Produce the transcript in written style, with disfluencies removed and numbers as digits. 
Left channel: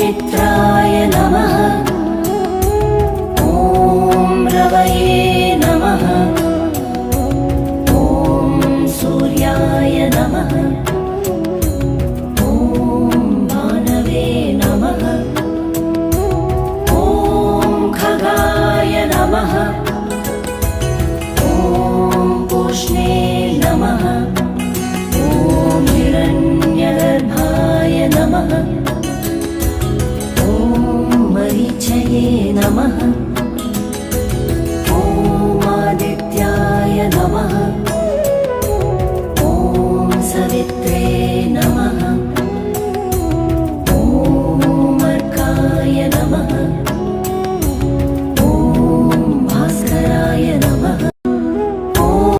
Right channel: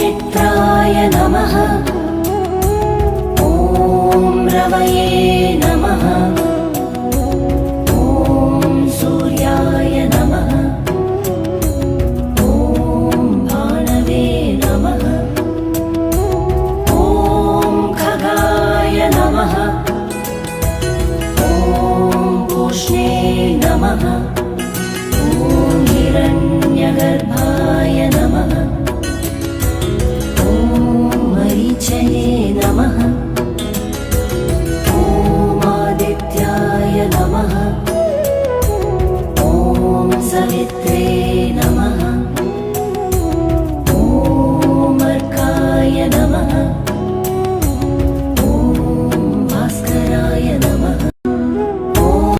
मित्राय नमः। ॐ रवये नमः। ॐ सूर्याय नमः। ॐ भानवे नमः। ॐ खगाय नमः। ॐ पूष्णे नमः। ॐ हिरण्यगर्भाय नमः। मरीचये नमः। ॐ आदित्याय नमः। ॐ सवित्रे नमः। ॐ अर्काय नमः। ॐ भास्कराय नमः।